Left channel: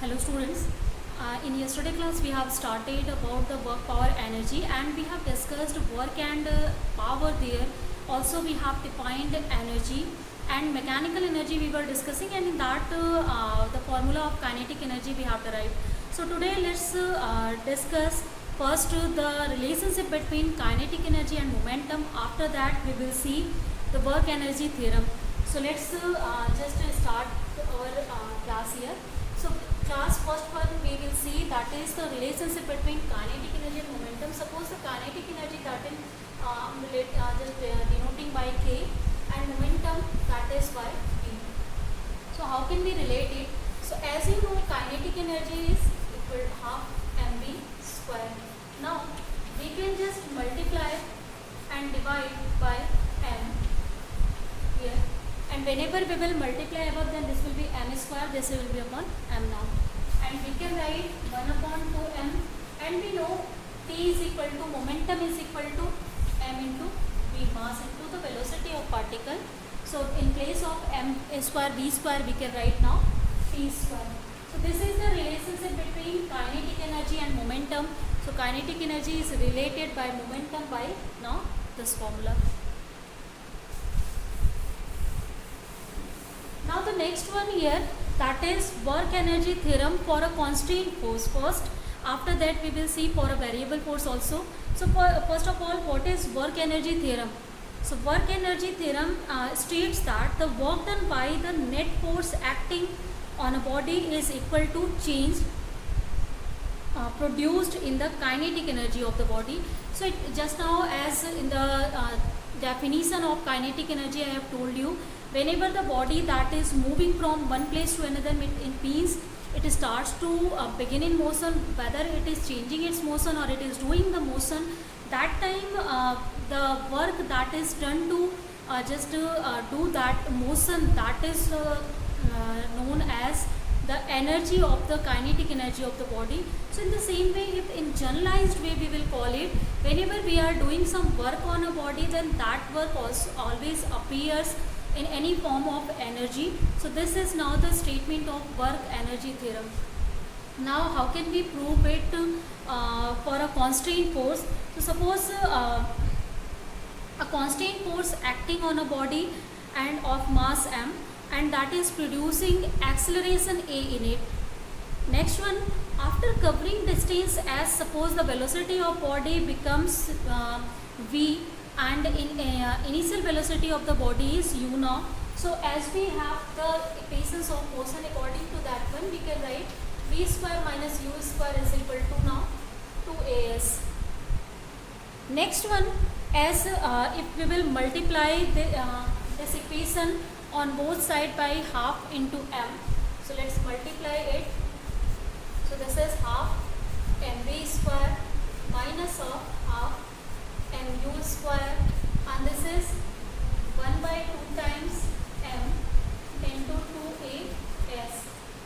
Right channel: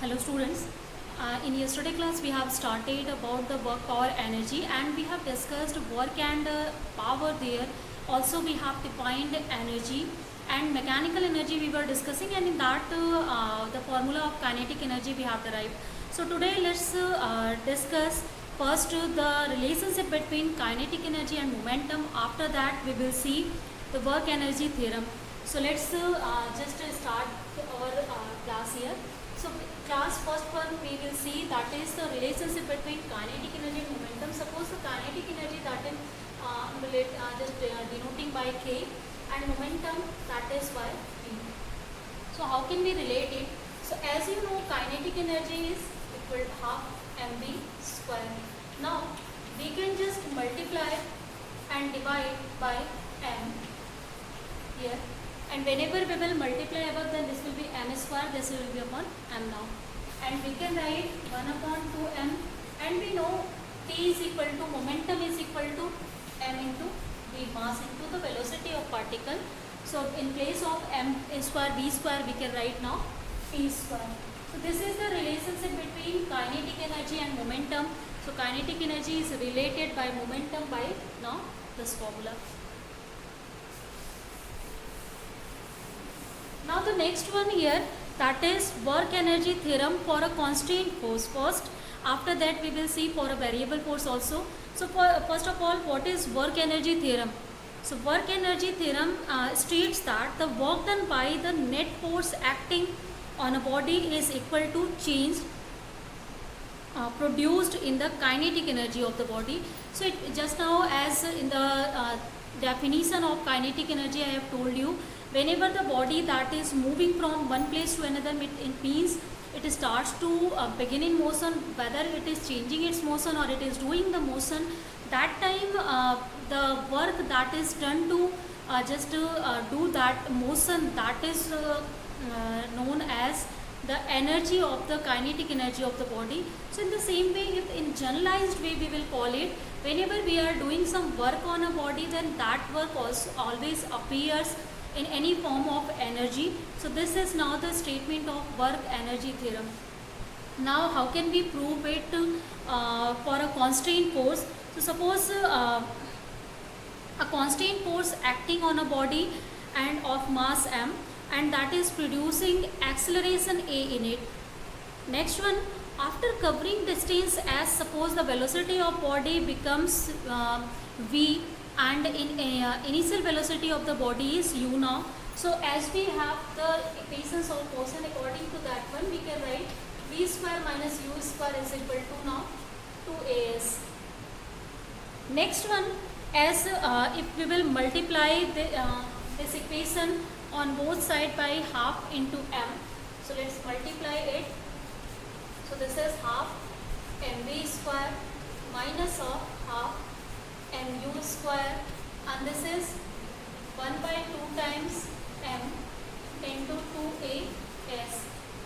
Hello students, in yesterday class we have started about the work, power, energy, and we have discussed work and power there. Also we have defined energy and mechanical energy we were discussing, and in that the formula of kinetic energy we have derived. So today let's discuss first the relationship between kinetic energy and momentum. After that we will see the work energy theorem. So let's just start our class here. So class first one we will see that is the relationship between kinetic energy and momentum. Suppose the kinetic energy that is denoting by K and momentum that is by V. So how can we relate it? So as you know, kinetic energy is equal to half mv square. Now we can just multiply and divide by m here. And whenever we will multiply above, then this will be m square, this will be upon m now. And we can write 1 upon 2m, and we know T is equal to, momentum is equal to m into v, mass into the velocity of particle. So in place of m square v square, we can write now T square. So this is the relationship between kinetic energy and momentum. So kinetic energy is related by momentum by now this formula. Now the next one here, that is work energy theorem for a constant force first. After that we will see for a variable force also. So first of all, what is work energy theorem? So work energy theorem states that the work done by the net force acting on a body is equal to change produced in the kinetic energy of the body. So just now, as in the definition of kinetic energy I have told you, whenever the body that is moving from one place to another, it means it starts to begin in motion, whether it is changing its motion or it is doing the motion, that time the work that is done to do that motion, that is known as the energy of the kinetic energy of the body. So in the same way, if in generalized way we will call it, whenever we are doing some work on a body, then that work also always appears in any form of energy. So this is now the statement of work energy theorem. Now how can we prove it for a constant force? So suppose a constant force acting on a body and of mass m, and that is producing acceleration a in it. Next one, after covering distance, as suppose the velocity of body becomes v, and in initial velocity of the body is u now. So as we have the equations of motion, according to that one we can write v square minus u square is equal to now 2as. Next one, as if we will multiply this equation on both sides by half into m. So let's multiply it. So this is half mv square minus of half mu square, and this is 1 by 2 times m into 2as.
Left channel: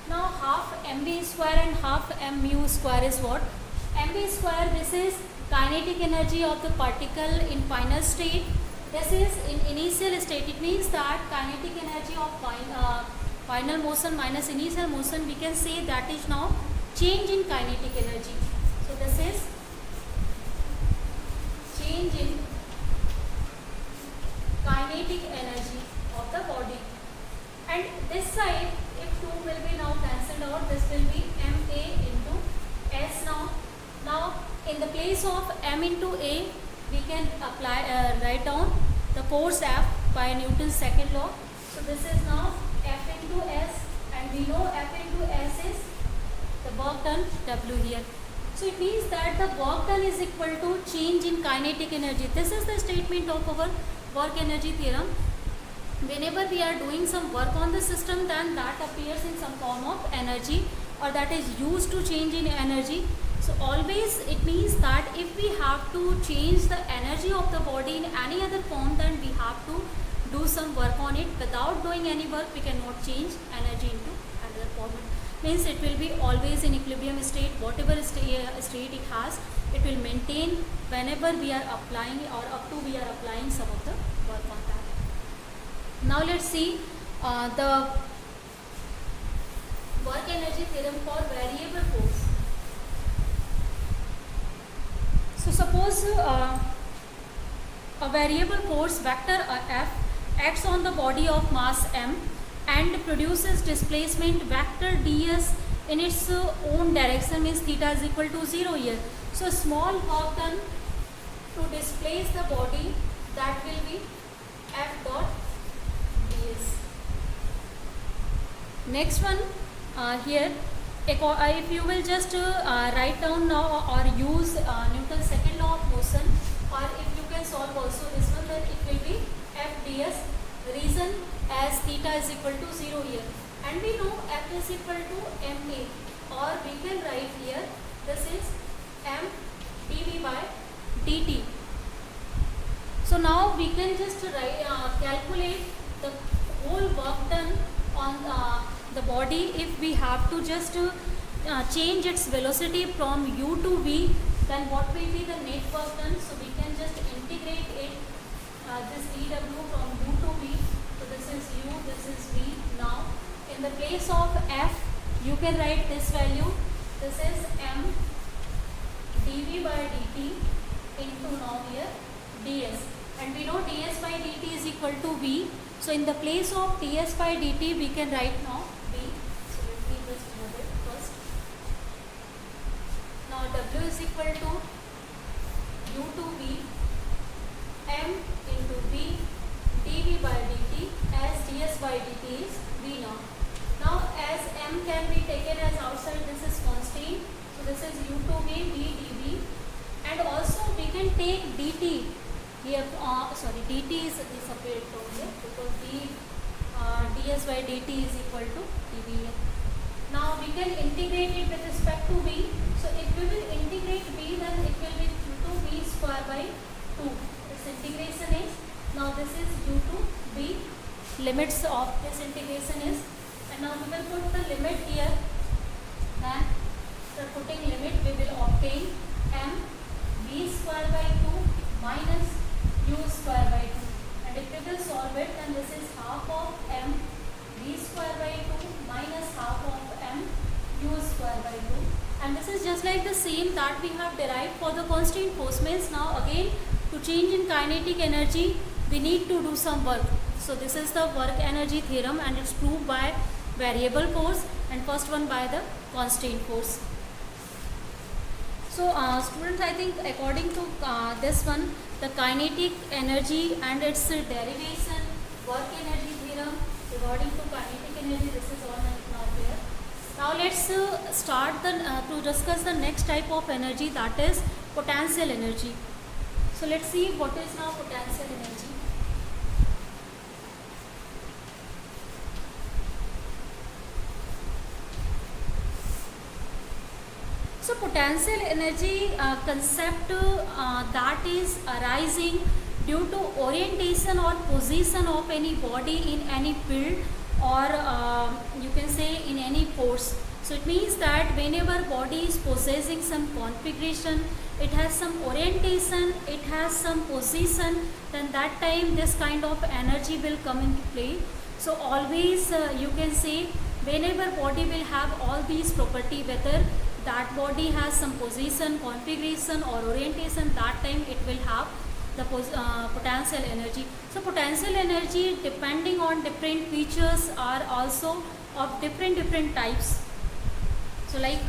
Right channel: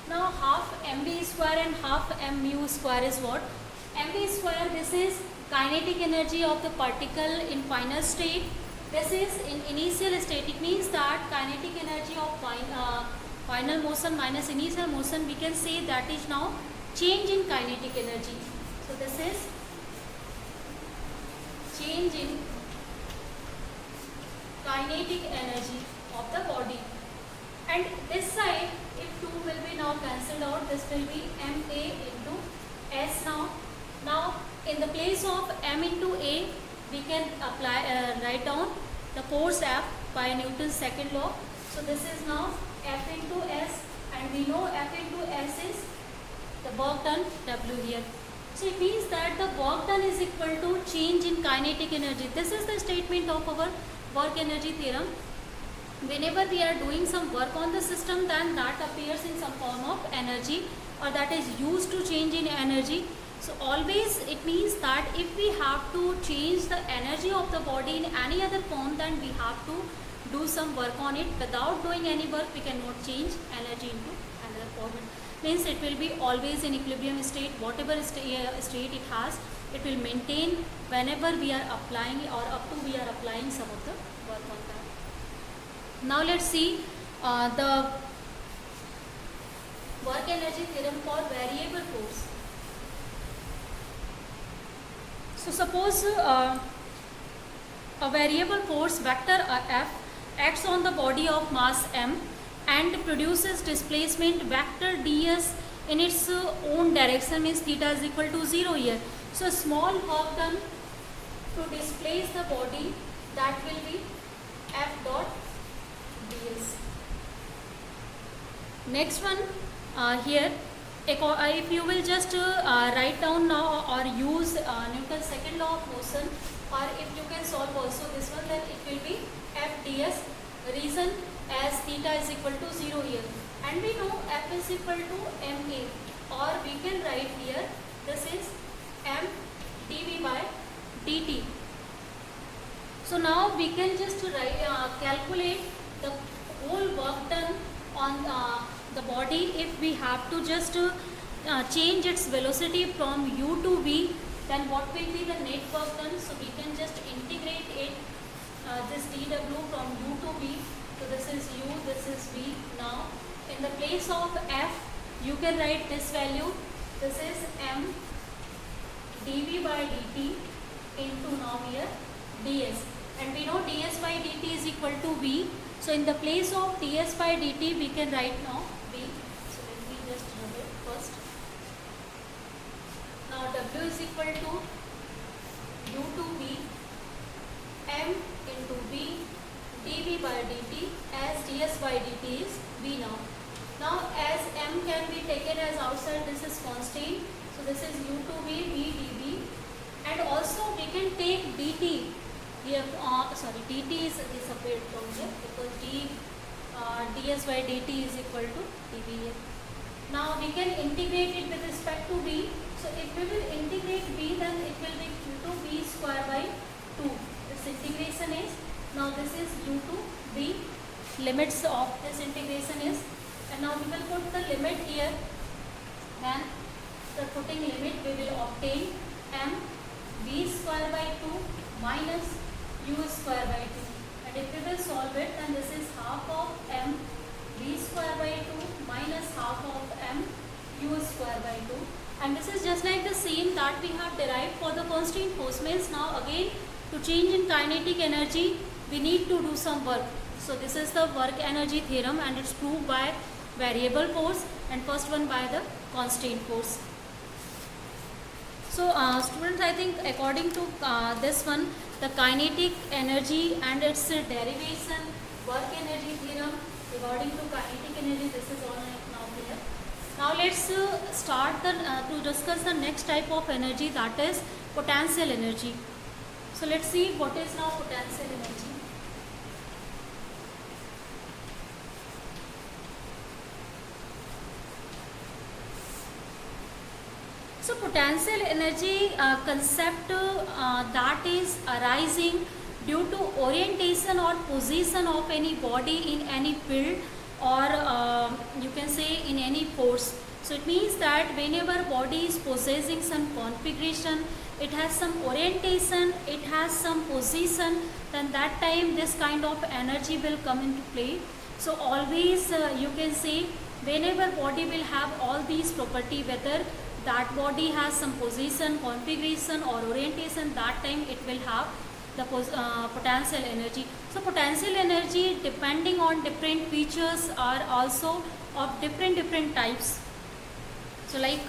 Now half mv square and half mu square is what? Mv square, this is kinetic energy of the particle in final state. This is in initial state. It means that kinetic energy of final motion minus initial motion, we can say that is now change in kinetic energy. So this is change in kinetic energy of the body. And this side, if 2 will be now cancelled out, this will be ma into s now. Now in the place of m into a, we can apply write down the force F by Newton's second law. So this is now F into S, and we know F into S is the work done W here. So it means that the work done is equal to change in kinetic energy. This is the statement of our work energy theorem. Whenever we are doing some work on the system, then that appears in some form of energy, or that is used to change in energy. So always it means that if we have to change the energy of the body in any other form, then we have to do some work on it. Without doing any work, we cannot change energy into another form. Means it will be always in equilibrium state. Whatever state it has, it will maintain whenever we are applying, or up to we are applying some of the work on that. Now let's see the work energy theorem for variable force. So suppose a variable force vector F acts on the body of mass m and produces displacement vector ds in its own direction, means theta is equal to 0 here. So small work done to displace the body, that will be F dot ds. Next one here, if you will just write down now or use Newton's second law of motion, or if you can solve also this one, then it will be F ds, reason as theta is equal to 0 here, and we know F is equal to ma, or we can write here this is m dv by dt. So now we can just calculate the whole work done on the body. If we have to just change its velocity from u to v, then what will be the net work done? So we can just integrate it, this dw from u to v. So this is u, this is v. Now in the place of f, you can write this value. This is m dv by dt into now here ds, and we know ds by dt is equal to v. So in the place of ds by dt, we can write now v. So let me just rub it first. Now w is equal to u to v m into v dv by dt, as ds by dt is v now. Now as m can be taken as outside, this is constant. So this is u to v, v dv, and also we can take dt. We have dt is separate from here because ds by dt is equal to dv here. Now we can integrate it with respect to v. So if we will integrate v, then it will be u to v square by 2. This integration is, now this is u to v, limits of this integration is, and now we will put the limit here, and after putting limit we will obtain m v square by 2 minus u square by 2, and if we will solve it, then this is half of m v square by 2 minus half of m u square by 2, and this is just like the same that we have derived for the constant force. Means now again to change in kinetic energy we need to do some work. So this is the work energy theorem, and it's proved by variable force, and first one by the constant force. So students, I think according to this one, the kinetic energy and its derivation, work energy theorem regarding to kinetic energy, this is all now clear. Now let's start to discuss the next type of energy, that is potential energy. So let's see what is now potential energy. So potential energy concept that is arising due to orientation or position of any body in any field, or you can say in any force. So it means that whenever body is possessing some configuration, it has some orientation, it has some position, then that time this kind of energy will come into play. So always you can say whenever body will have all these property, whether that body has some position, configuration or orientation, that time it will have the potential energy. So potential energy depending on different features are also of different types. So like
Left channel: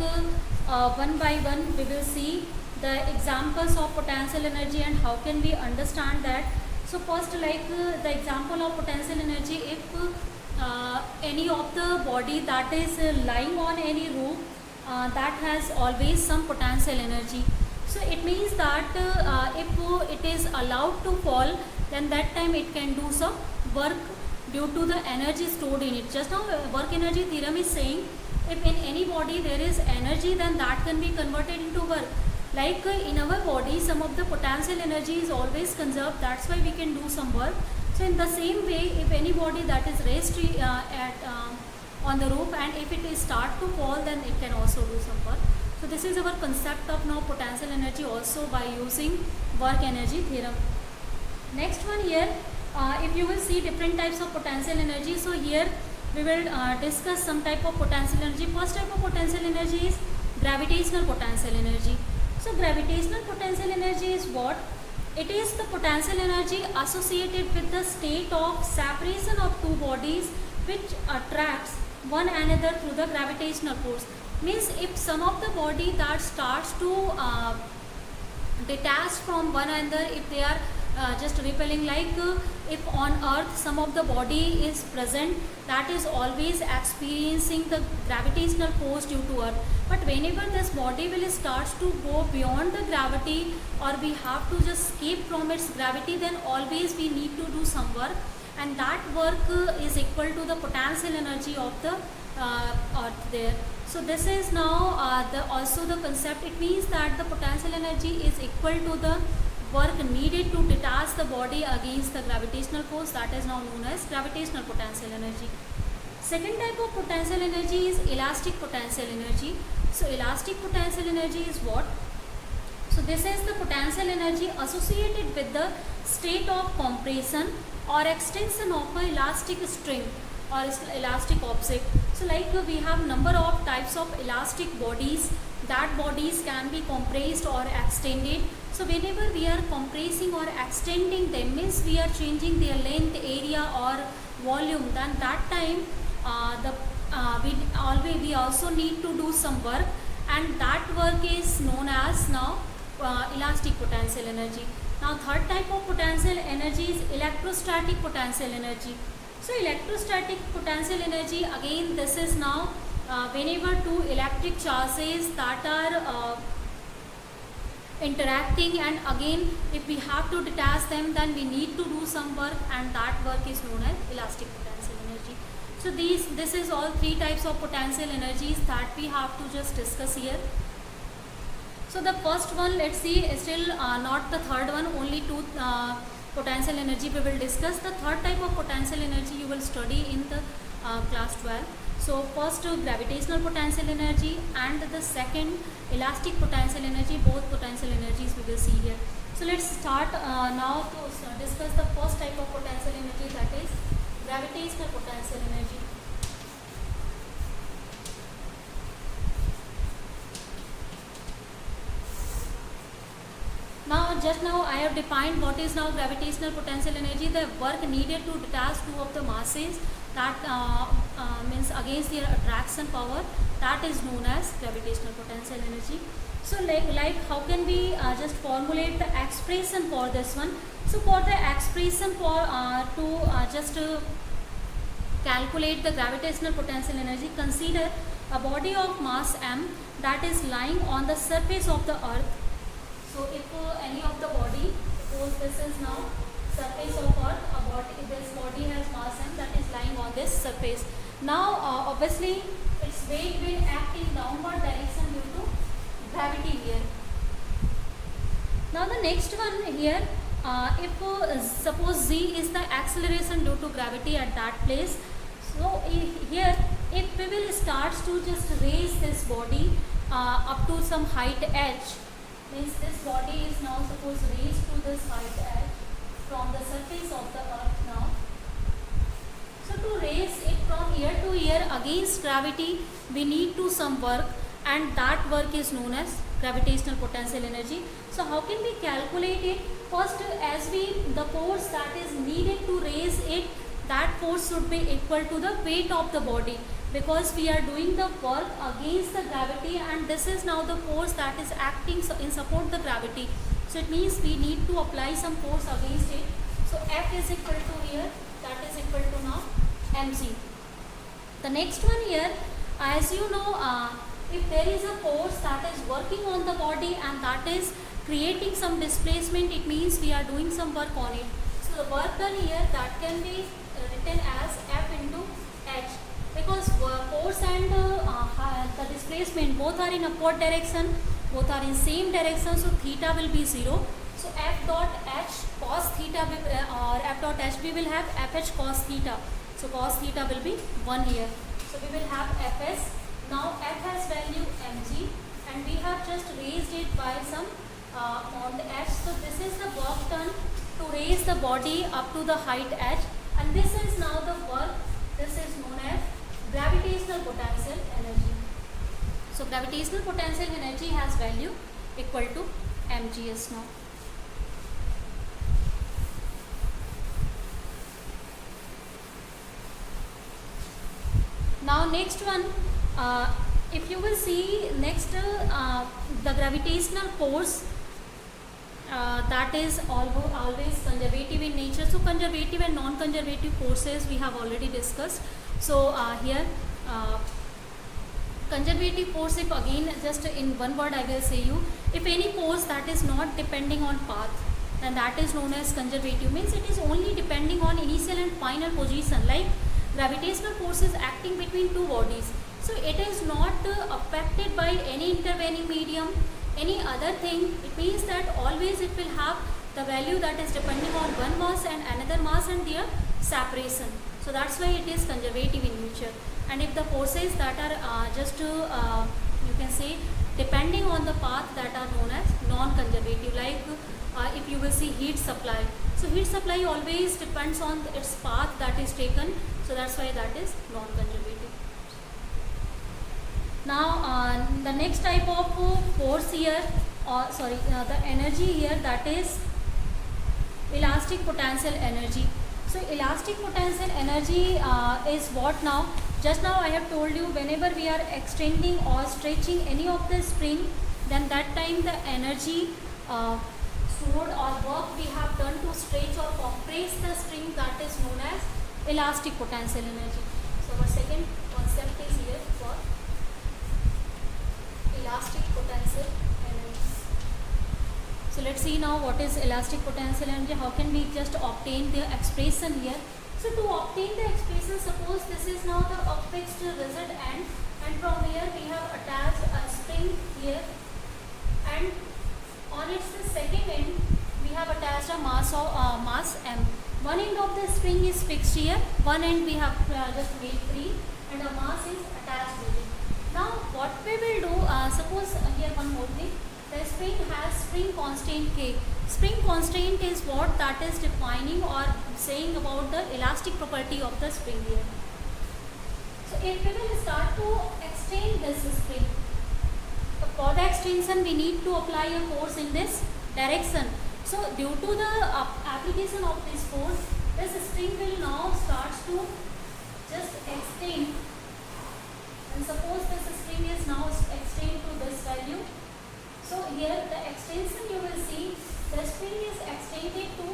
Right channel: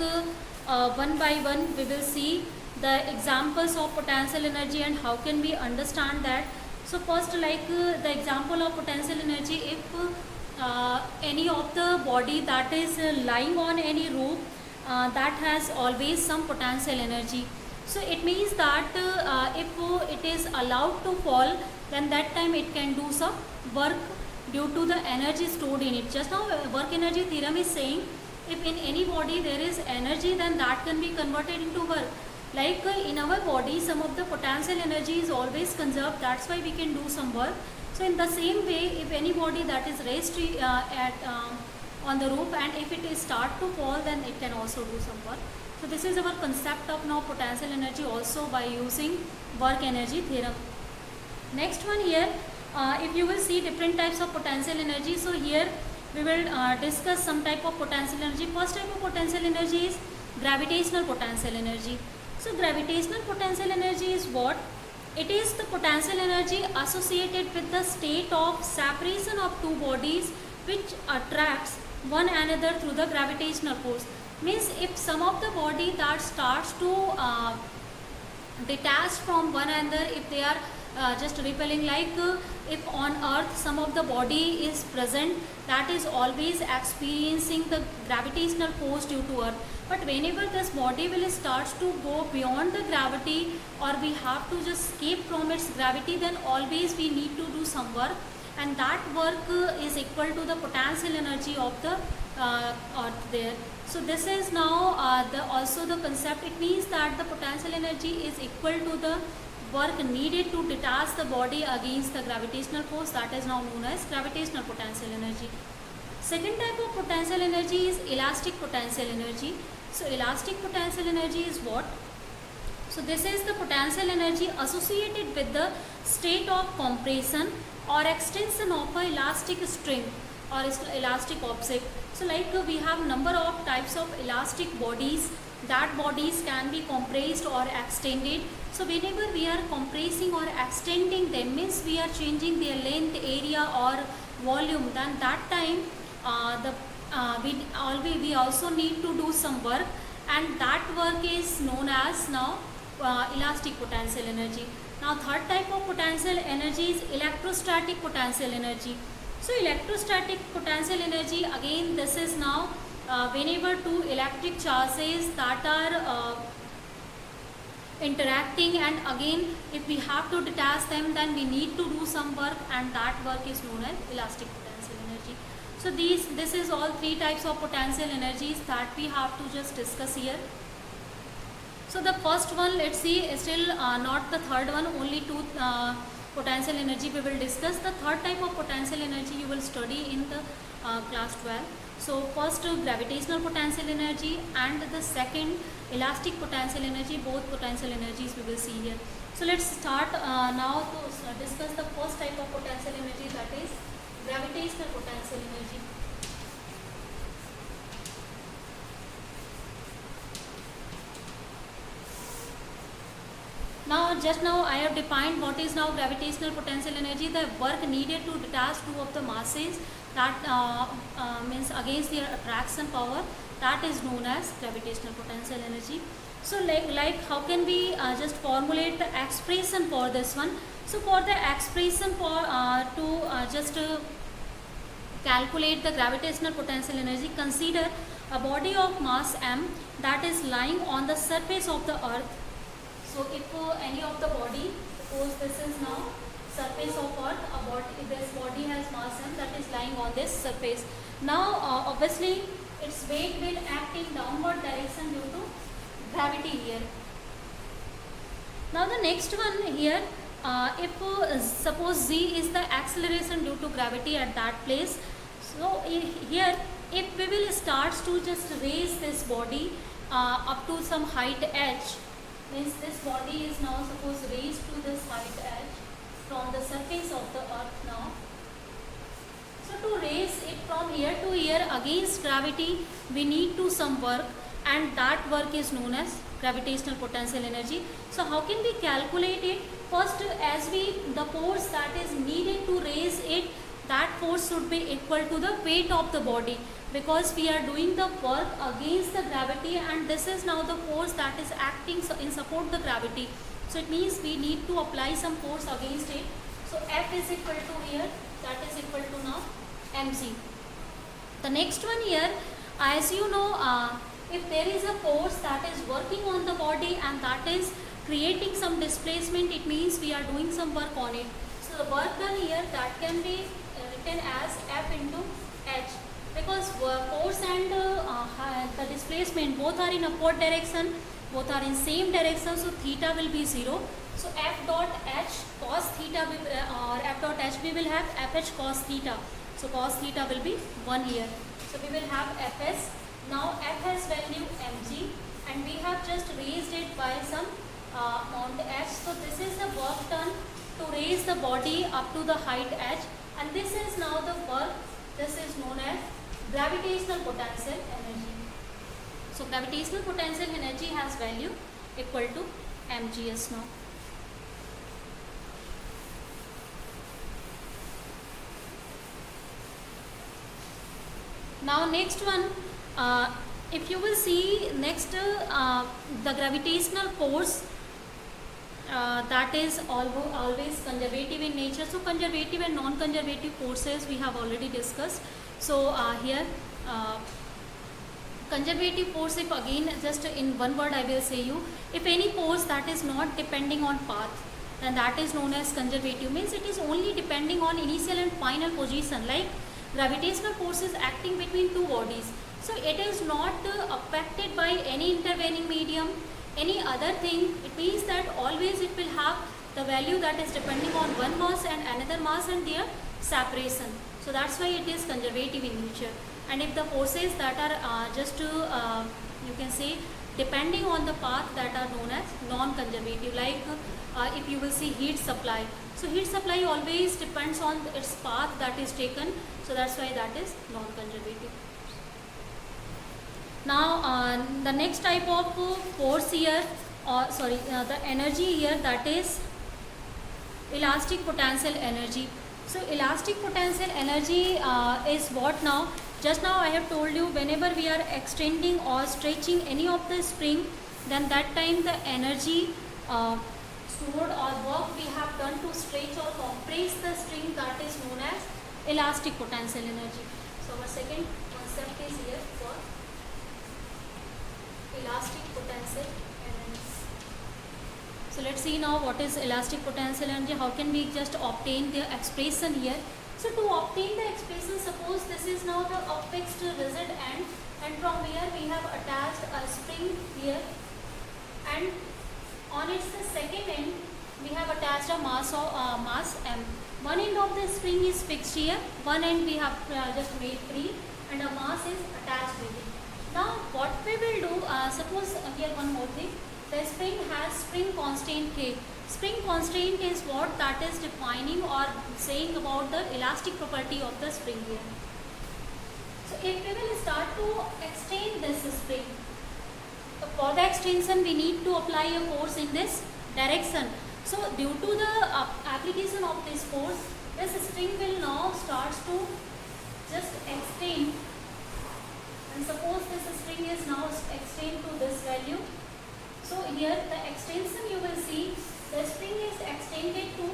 one by one we will see the examples of potential energy and how can we understand that. So first, like the example of potential energy, if any of the body that is lying on any roof, that has always some potential energy. So it means that if it is allowed to fall, then that time it can do some work due to the energy stored in it. Just now work energy theorem is saying if in any body there is energy, then that can be converted into work. Like in our body, some of the potential energy is always conserved, that's why we can do some work. So in the same way, if any body that is raised on the roof, and if it is start to fall, then it can also do some work. So this is our concept of now potential energy also by using work energy theorem. Next one here, if you will see different types of potential energy. So here we will discuss some type of potential energy. First type of potential energy is gravitational potential energy. So gravitational potential energy is what? It is the potential energy associated with the state of separation of two bodies which attracts one another through the gravitational force. Means if some of the body that starts to detached from one another, if they are just repelling, like if on earth some of the body is present that is always experiencing the gravitational force due to earth, but whenever this body will starts to go beyond the gravity, or we have to just escape from its gravity, then always we need to do some work, and that work is equal to the potential energy of the earth there. So this is now also the concept. It means that the potential energy is equal to the work needed to detach the body against the gravitational force, that is now known as gravitational potential energy. Second type of potential energy is elastic potential energy. So elastic potential energy is what? So this is the potential energy associated with the state of compression or extension of an elastic string or elastic object. So like we have number of types of elastic bodies, that bodies can be compressed or extended. So whenever we are compressing or extending them, means we are changing their length, area or volume, then that time we also need to do some work, and that work is known as now elastic potential energy. Now third type of potential energy is electrostatic potential energy. So electrostatic potential energy, again this is now whenever two electric charges that are interacting, and again if we have to detach them, then we need to do some work, and that work is known as elastic potential energy. So this is all three types of potential energies that we have to just discuss here. So the first one, let's see, is still not the third one, only two potential energy we will discuss. The third type of potential energy you will study in the class 12. So first gravitational potential energy, and the second elastic potential energy. Both potential energies we will see here. So let's start now to discuss the first type of potential energy, that is gravitational potential energy. Now just now I have defined what is now gravitational potential energy, the work needed to detach two of the masses, that means against their attraction power, that is known as gravitational potential energy. So like how can we just formulate the expression for this one? So for the expression for calculate the gravitational potential energy, consider a body of mass m that is lying on the surface of the earth. So if any of the body, suppose this is now surface of earth, this body has mass m that is lying on this surface. Now obviously its weight will act in downward direction due to gravity here. Now the next one here, if suppose z is the acceleration due to gravity at that place. So here if we will start to just raise this body up to some height h, means this body is now suppose raised to this height h from the surface of the earth now. So to raise it from here to here against gravity, we need to some work, and that work is known as gravitational potential energy. So how can we calculate it? First, as the force that is needed to raise it, that force should be equal to the weight of the body, because we are doing the work against the gravity, and this is now the force that is acting in support the gravity. So it means we need to apply some force against it. So F is equal to here, that is equal to now mg. The next one here, as you know, if there is a force that is working on the body and that is creating some displacement, it means we are doing some work on it. So the work done here, that can be written as F into h, because force and the displacement both are in upward direction, both are in same direction, so theta will be 0. So F dot h cos theta or F dot h, we will have Fh cos theta. So cos theta will be 1 here. So we will have Fs. Now F has value mg, and we have just raised it by some amount h. So this is the work done to raise the body up to the height h, and this is now the work this is known as gravitational potential energy. So gravitational potential energy has value equal to mgs now. Now next one, if you will see next, the gravitational force that is always conservative in nature. So conservative and non-conservative forces we have already discussed. So here conservative force, if again just in one word I will say you, if any force that is not depending on path, then that is known as conservative, means it is only depending on initial and final position. Like gravitational force is acting between two bodies, so it is not affected by any intervening medium, any other thing. It means that always it will have the value that is depending on one mass and another mass and their separation. So that's why it is conservative in nature. And if the forces that are you can say depending on the path, that are known as non-conservative. Like if you will see heat supply, so heat supply always depends on its path that is taken, so that's why that is non-conservative. Now the next type of force here, the energy here, that is elastic potential energy. So elastic potential energy is what now? Just now I have told you, whenever we are extending or stretching any of the spring, then that time the energy stored or work we have done to stretch or compress the string, that is known as elastic potential energy. So our second concept is here for elastic potential energy. So let's see now what is elastic potential energy. How can we just obtain the expression here? So to obtain the expression, suppose this is now the fixed rigid end, and from here we have attached a spring here, and on its second end we have attached a mass m. One end of the spring is fixed here, one end we have just made free, and a mass is attached with it. Now what we will do, suppose here one more thing, the spring has spring constant K. Spring constant is what that is defining or saying about the elastic property of the spring here. So if we will start to extend this spring, for the extension we need to apply a force in this direction. So due to the application of this force, this spring will now start to just extend, and suppose this string is now extend to this value. So here the extension you will see, the spring is extended to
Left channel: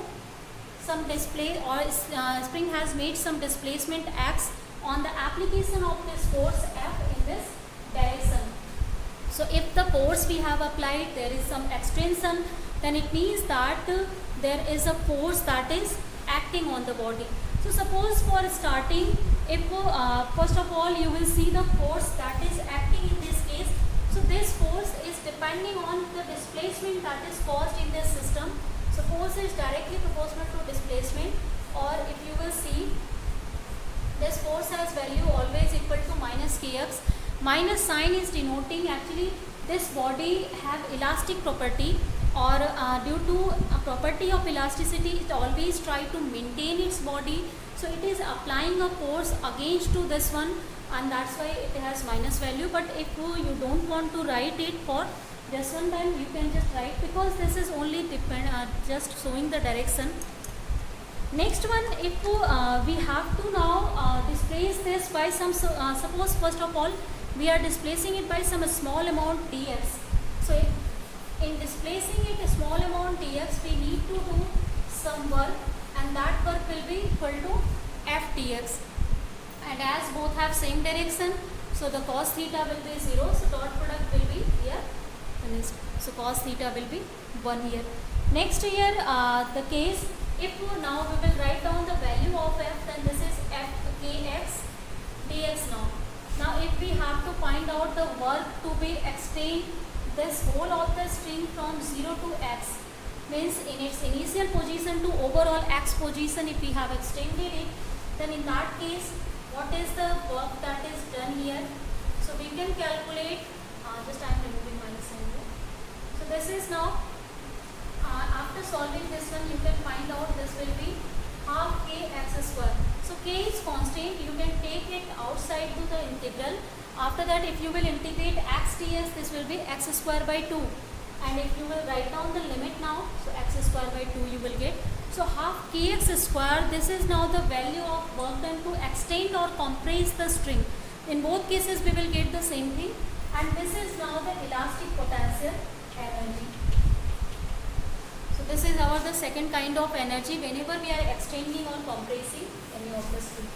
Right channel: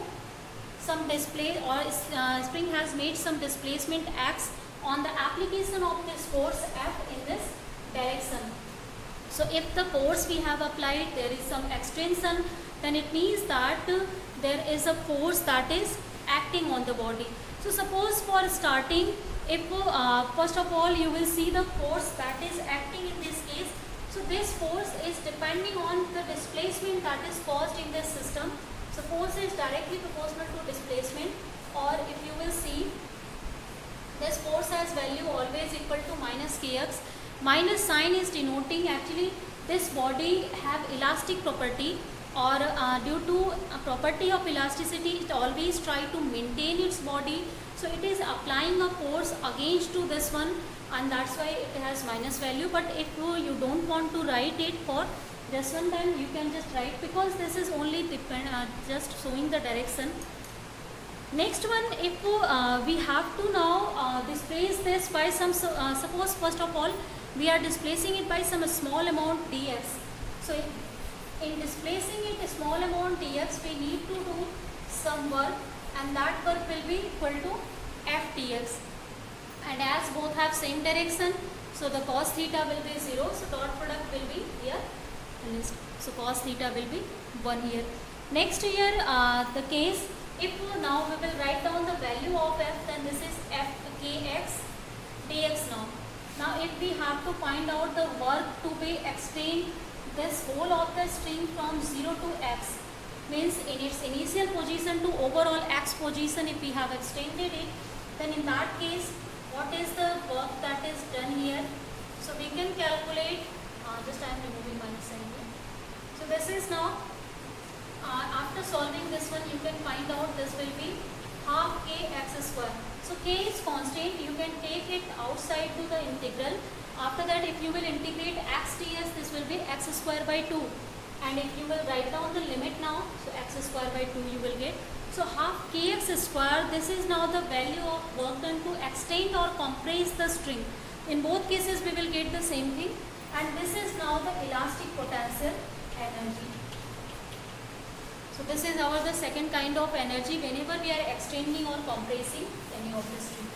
some display, or spring has made some displacement x on the application of this force F in this direction. So if the force we have applied, there is some extension, then it means that there is a force that is acting on the body. So suppose for starting, if first of all you will see the force that is acting in this case. So this force is depending on the displacement that is caused in this system. So force is directly proportional to displacement, or if you will see, this force has value always equal to minus kx. Minus sign is denoting actually this body have elastic property, or due to a property of elasticity, it always try to maintain its body. So it is applying a force against to this one, and that's why it has minus value. But if you don't want to write it for this one, then you can just write, because this is only just showing the direction. Next one, if we have to now displace this by some, suppose first of all we are displacing it by some small amount dx. So in displacing it a small amount dx, we need to do some work, and that work will be equal to f dx. And as both have same direction, so the cos theta will be 0, so dot product will be here. So cos theta will be 1 here. Next here, the case, if now we will write down the value of f, then this is f kx dx now. Now if we have to find out the work to be extend this whole of the string from 0 to x, means in its initial position to overall x position, if we have extended it, then in that case, what is the work that is done here? So we can calculate, just I am removing minus sign here. So this is now, after solving this one, you can find out this will be half kx square. So K is constant, you can take it outside to the integral. After that, if you will integrate x ds, this will be x square by 2. And if you will write down the limit now, so x square by 2 you will get. So half kx square, this is now the value of work done to extend or compress the string. In both cases we will get the same thing, and this is now the elastic potential energy. So this is our the second kind of energy whenever we are extending or compressing any of the string.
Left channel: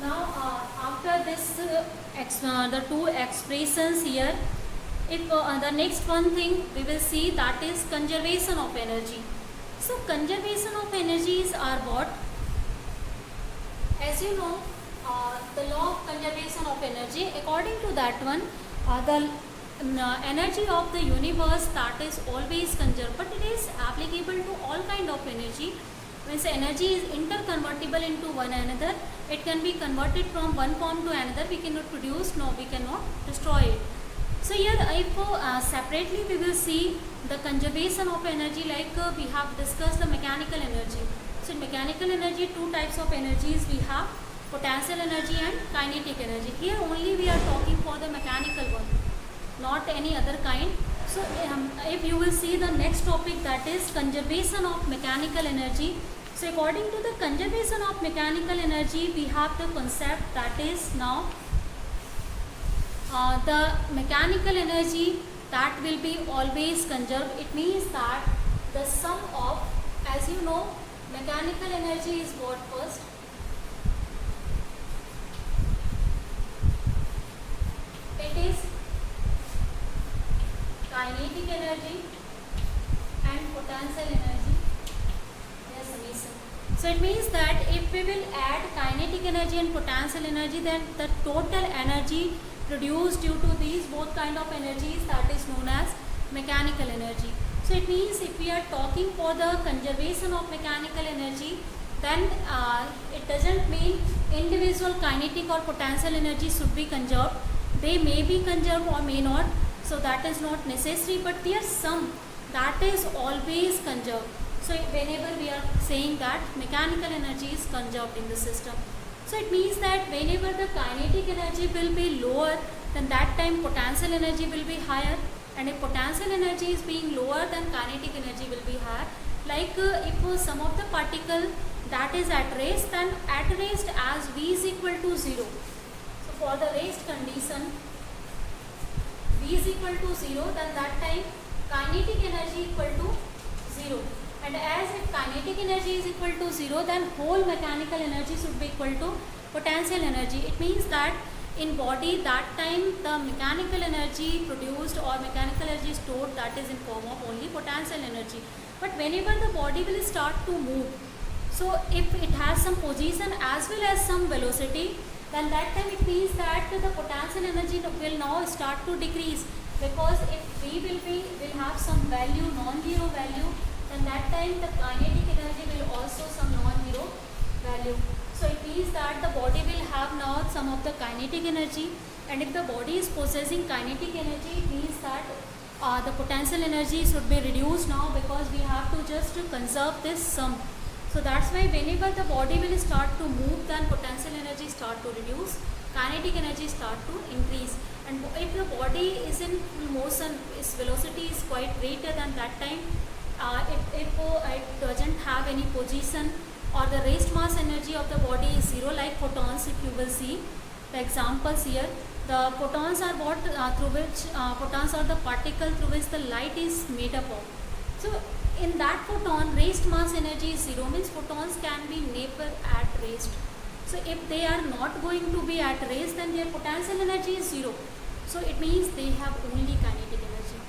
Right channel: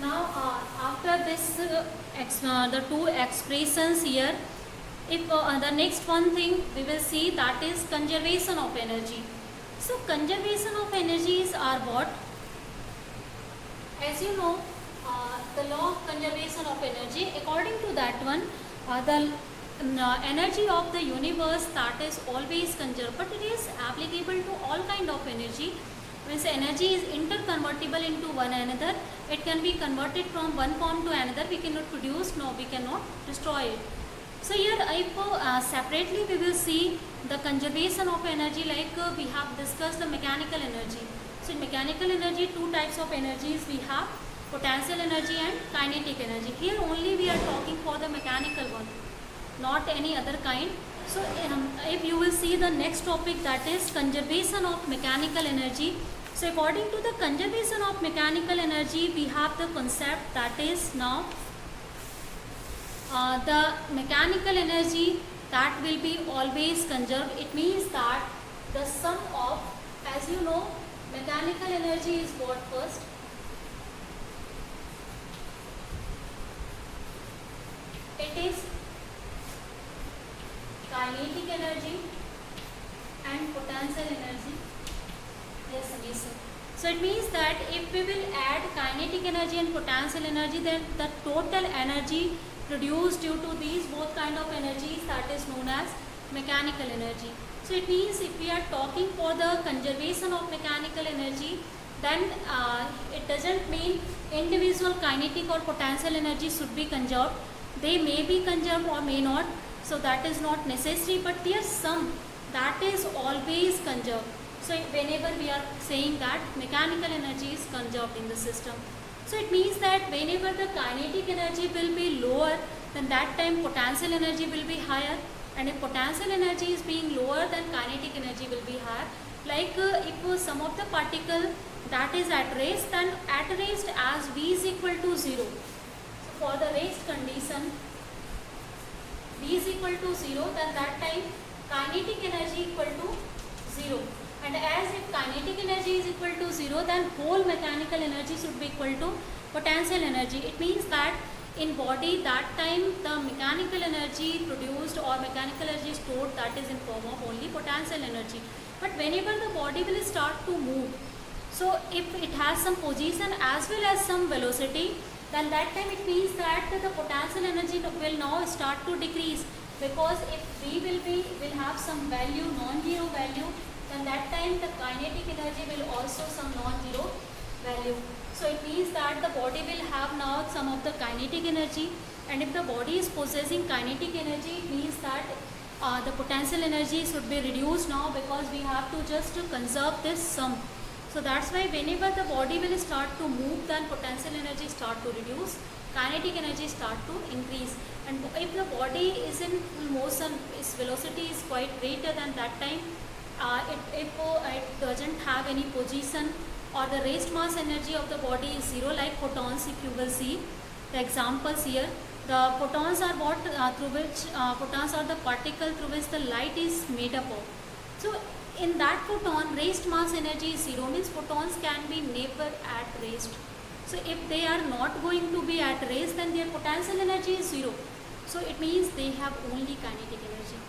Now after this the two expressions here, if the next one thing we will see, that is conservation of energy. So conservation of energies are what? As you know, the law of conservation of energy, according to that one, the energy of the universe, that is always conserved, but it is applicable to all kind of energy. Means energy is interconvertible into one another. It can be converted from one form to another. We cannot produce, no, we cannot destroy it. So here if separately we will see the conservation of energy, like we have discussed the mechanical energy. So in mechanical energy, two types of energies we have, potential energy and kinetic energy. Here only we are talking for the mechanical one, not any other kind. So if you will see the next topic, that is conservation of mechanical energy. So according to the conservation of mechanical energy, we have the concept that is now the mechanical energy that will be always conserved. It means that the sum of, as you know, mechanical energy is what first? It is kinetic energy and potential energy. Yes, summation. So it means that if we will add kinetic energy and potential energy, then the total energy produced due to these both kind of energies, that is known as mechanical energy. So it means if we are talking for the conservation of mechanical energy, then it doesn't mean individual kinetic or potential energy should be conserved. They may be conserved or may not. So that is not necessary, but their sum, that is always conserved. So whenever we are saying that mechanical energy is conserved in the system, so it means that whenever the kinetic energy will be lower, then that time potential energy will be higher, and if potential energy is being lower, then kinetic energy will be higher. Like if some of the particle that is at rest, then at rest as V is equal to 0. So for the rest condition, V is equal to 0, then that time kinetic energy equal to 0. And as if kinetic energy is equal to 0, then whole mechanical energy should be equal to potential energy. It means that in body, that time the mechanical energy produced or mechanical energy stored, that is in form of only potential energy. But whenever the body will start to move, so if it has some position as well as some velocity, then that time it means that the potential energy will now start to decrease, because if V will have some value, non-zero value, then that time the kinetic energy will also some non-zero value. So it means that the body will have now some of the kinetic energy, and if the body is possessing kinetic energy, it means that the potential energy should be reduced now, because we have to just conserve this sum. So that's why whenever the body will start to move, then potential energy start to reduce, kinetic energy start to increase. And if the body is in full motion, its velocity is quite greater than that time, if it doesn't have any position, or the rest mass energy of the body is 0, like photons. If you will see the examples here, the photons are what through which photons are the particle through which the light is made up of. So in that photon, rest mass energy is 0, means photons can be never at rest. So if they are not going to be at rest, then their potential energy is 0. So it means they have only kinetic energy.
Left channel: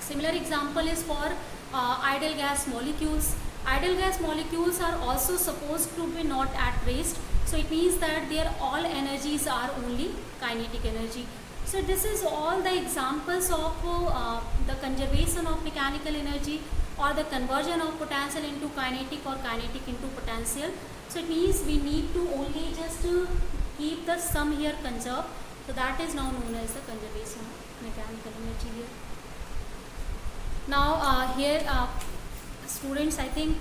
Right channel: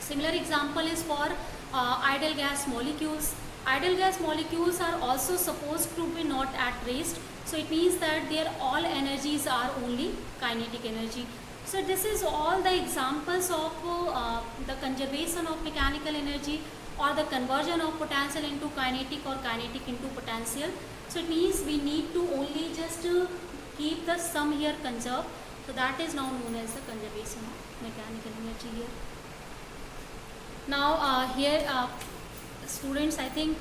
Similar example is for ideal gas molecules. Ideal gas molecules are also supposed to be not at rest. So it means that their all energies are only kinetic energy. So this is all the examples of the conservation of mechanical energy, or the conversion of potential into kinetic or kinetic into potential. So it means we need to only just keep the sum here conserved. So that is now known as the conservation of mechanical energy here. Now here Students, I think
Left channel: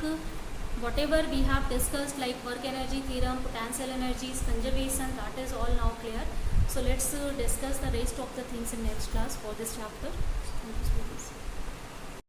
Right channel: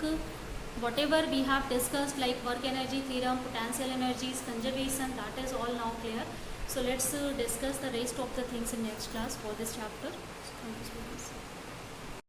whatever we have discussed, like work energy theorem, potential energies, conservation, that is all now clear. So let's discuss the rest of the things in next class for this chapter. So thank you, students.